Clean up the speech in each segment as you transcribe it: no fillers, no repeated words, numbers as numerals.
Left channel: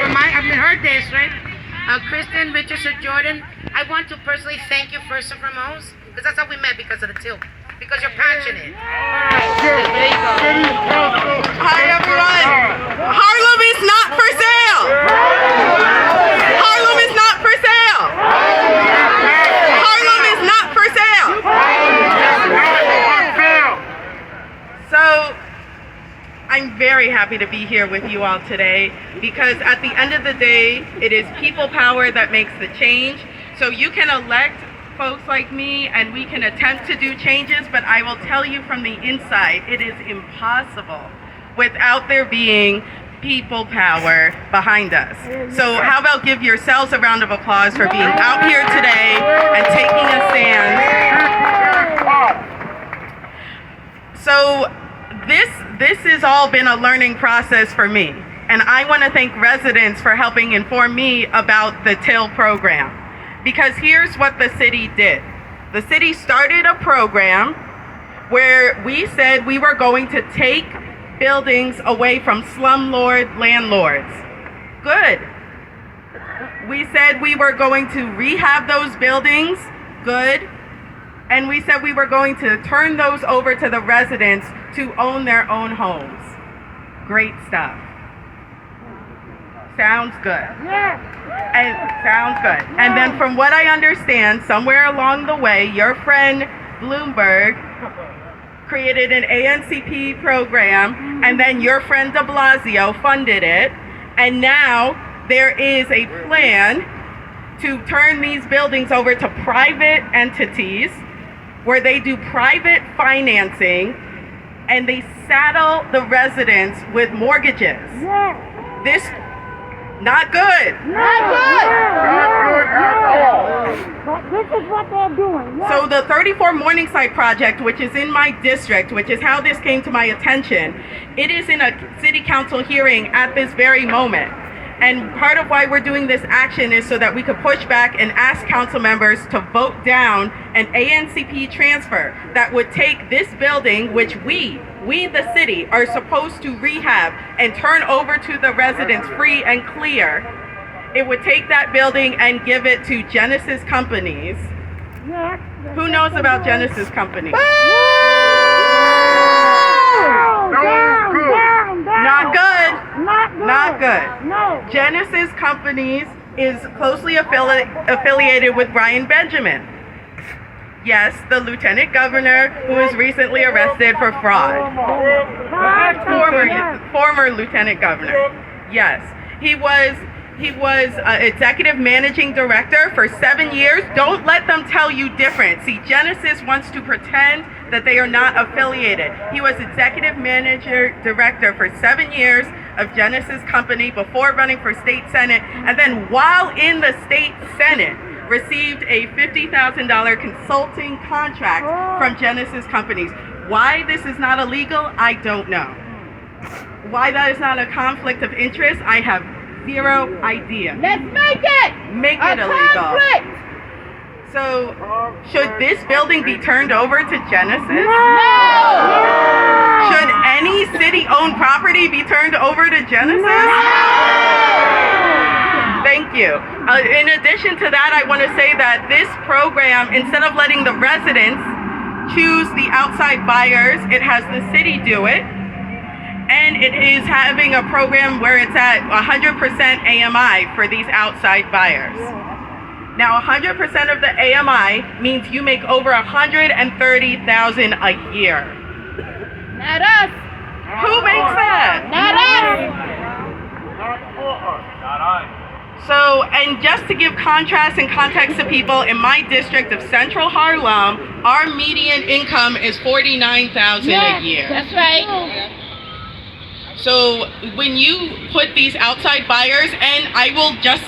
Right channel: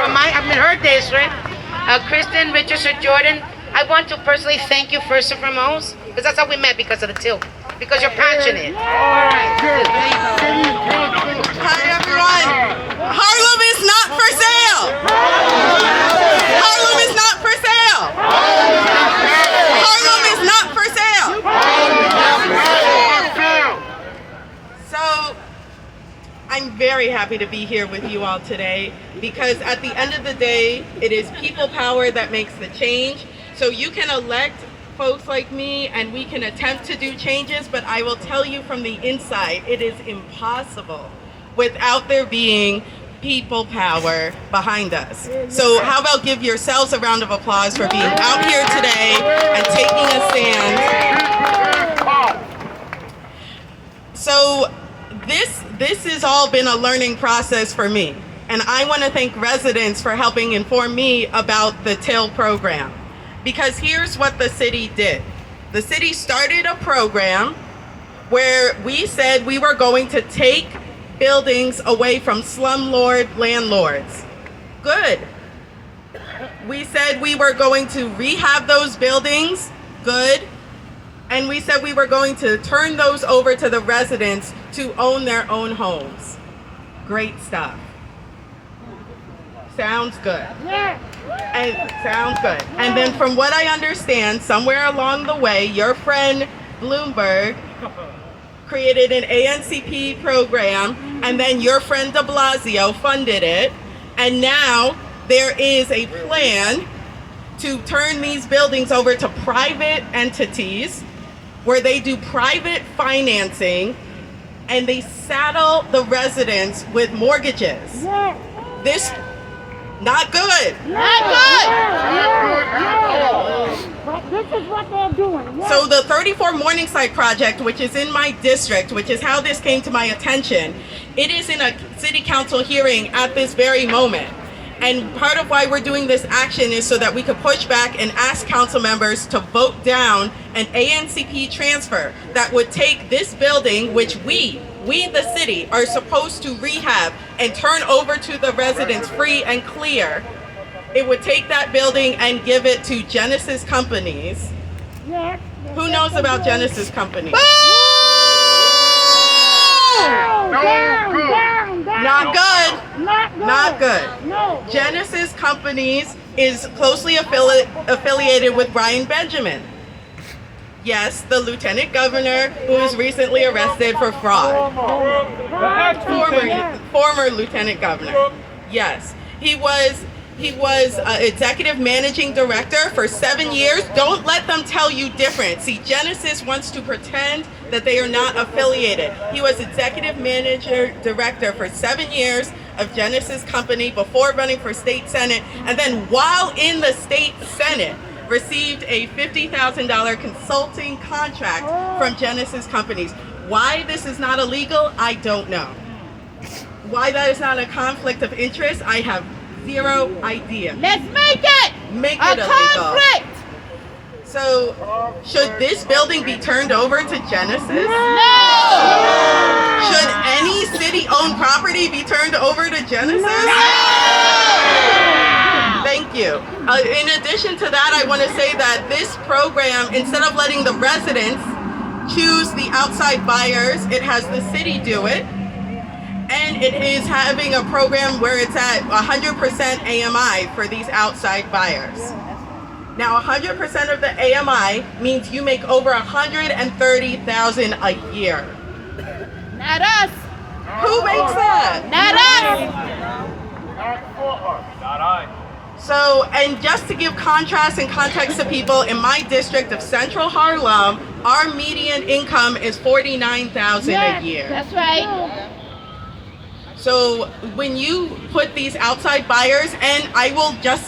Her district, Kristen Richardson Jordan. I want to personally thank you first and foremost, because that's how we met, because of the tilt, because you're passionate. Hi everyone. Harlem is not for sale. Harlem is not for sale. Harlem is not for sale. So I'm very happy to be here with you all today, because at the end of the day, it is people power that makes the change. So you can elect folks like me and we can attempt to do changes, but I will tell you from the inside, it is impossible without there being people power behind us. So how about give yourselves a round of applause for being out here today and taking a stand. So this has all been a learning process for me. And I want to thank residents for helping inform me about the TIL program. Because here's what the city did. The city started a program where we said we were going to take buildings away from slumlord landlords. Good. We said we were going to rehab those buildings. Good. And we said we were going to turn those over to the residents to own their own homes. Great stuff. Sounds good. Sounds good. And then from what I understand, somewhere along the way, your friend Bloomberg created an ANCP program, and then your friend de Blasio funded it. And now there is a plan to turn these buildings over to private entities where they do private financing and they saddle the residents with mortgages. This, not good. Not good. This is what they're doing. So the 34 Morningside project, which is in my district, which is how this came to my attention, it is in a city council hearing at this very moment. And part of why we're doing this action is so that we could push back and ask council members to vote down an ANCP transfer that would take this building, which we the city, are supposed to rehab and turn over to the residents free and clear. It would take that building and give it to Genesis Companies. Who knows about Genesis Companies? Not good. Not good. Genesis Companies is closely affiliated with Brian Benjamin. Yes, the lieutenant governor who was recently arrested for fraud. Former lieutenant governor. Yes, he was executive managing director for 7 years. Don't let them tell you different. See, Genesis wants to pretend that they are not affiliated. He was executive manager director for 7 years of Genesis Company before running for state senate, and then while in the state senate, received a $50,000 consulting contract from Genesis Companies. Why this is not illegal, I don't know. Why that is not a conflict of interest, I have zero idea. Let's make it! Make it illegal. Conflict! So, should this building be turned over to Genesis? No! Should any city-owned property be turned over to Genesis? No! Thank you. In addition to that, I want to say that this program, instead of letting the residents choose the outside buyers, it has the city do it. And it is having a program where it's at 100% AMI for these outside buyers. Now, 100% of the AMI means you make over $130,000 a year. Not us. Who makes that? Not us. So, and just to give contrast and context to people, in my district of Central Harlem, our median income is $49,000 a year. That's right. So when you put these outside buyers, and I will just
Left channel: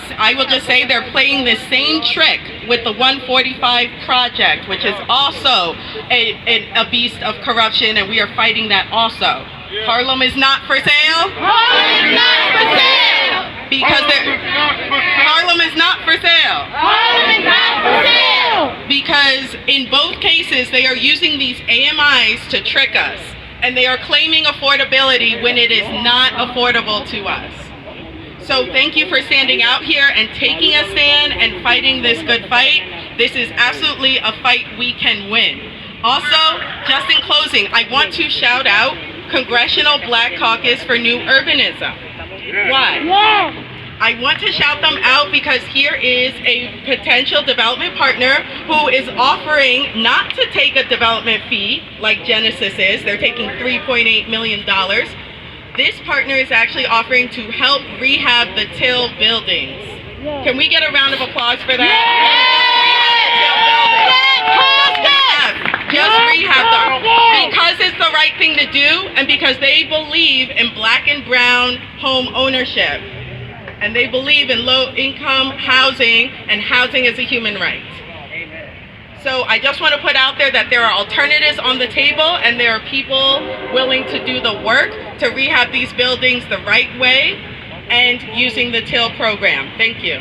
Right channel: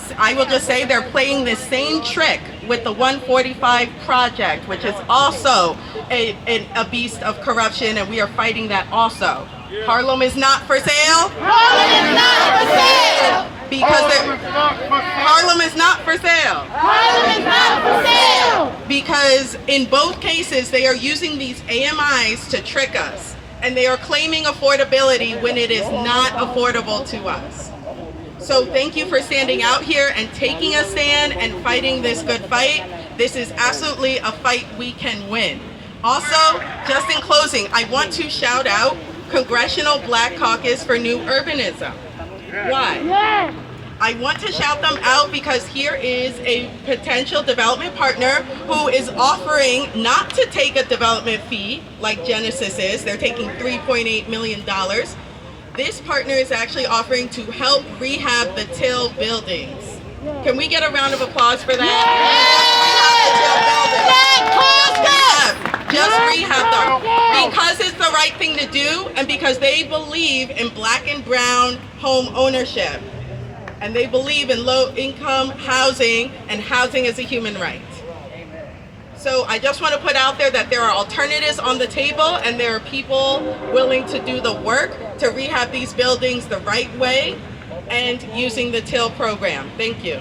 say they're playing the same trick with the 145 project, which is also a beast of corruption, and we are fighting that also. Harlem is not for sale. Harlem is not for sale. Because Harlem is not for sale. Harlem is not for sale. Because in both cases, they are using these AMIs to trick us. And they are claiming affordability when it is not affordable to us. So thank you for standing out here and taking a stand and fighting this good fight. This is absolutely a fight we can win. Also, just in closing, I want to shout out Congressional Black Caucus for New Urbanism. Why? I want to shout them out because here is a potential development partner who is offering not to take a development fee like Genesis is. They're taking $3.8 million. This partner is actually offering to help rehab the Till buildings. Can we get a round of applause for that? Just rehab them. Because it's the right thing to do and because they believe in black and brown home ownership. And they believe in low-income housing, and housing is a human right. So I just want to put out there that there are alternatives on the table, and there are people willing to do the work to rehab these buildings the right way and using the Till program. Thank you.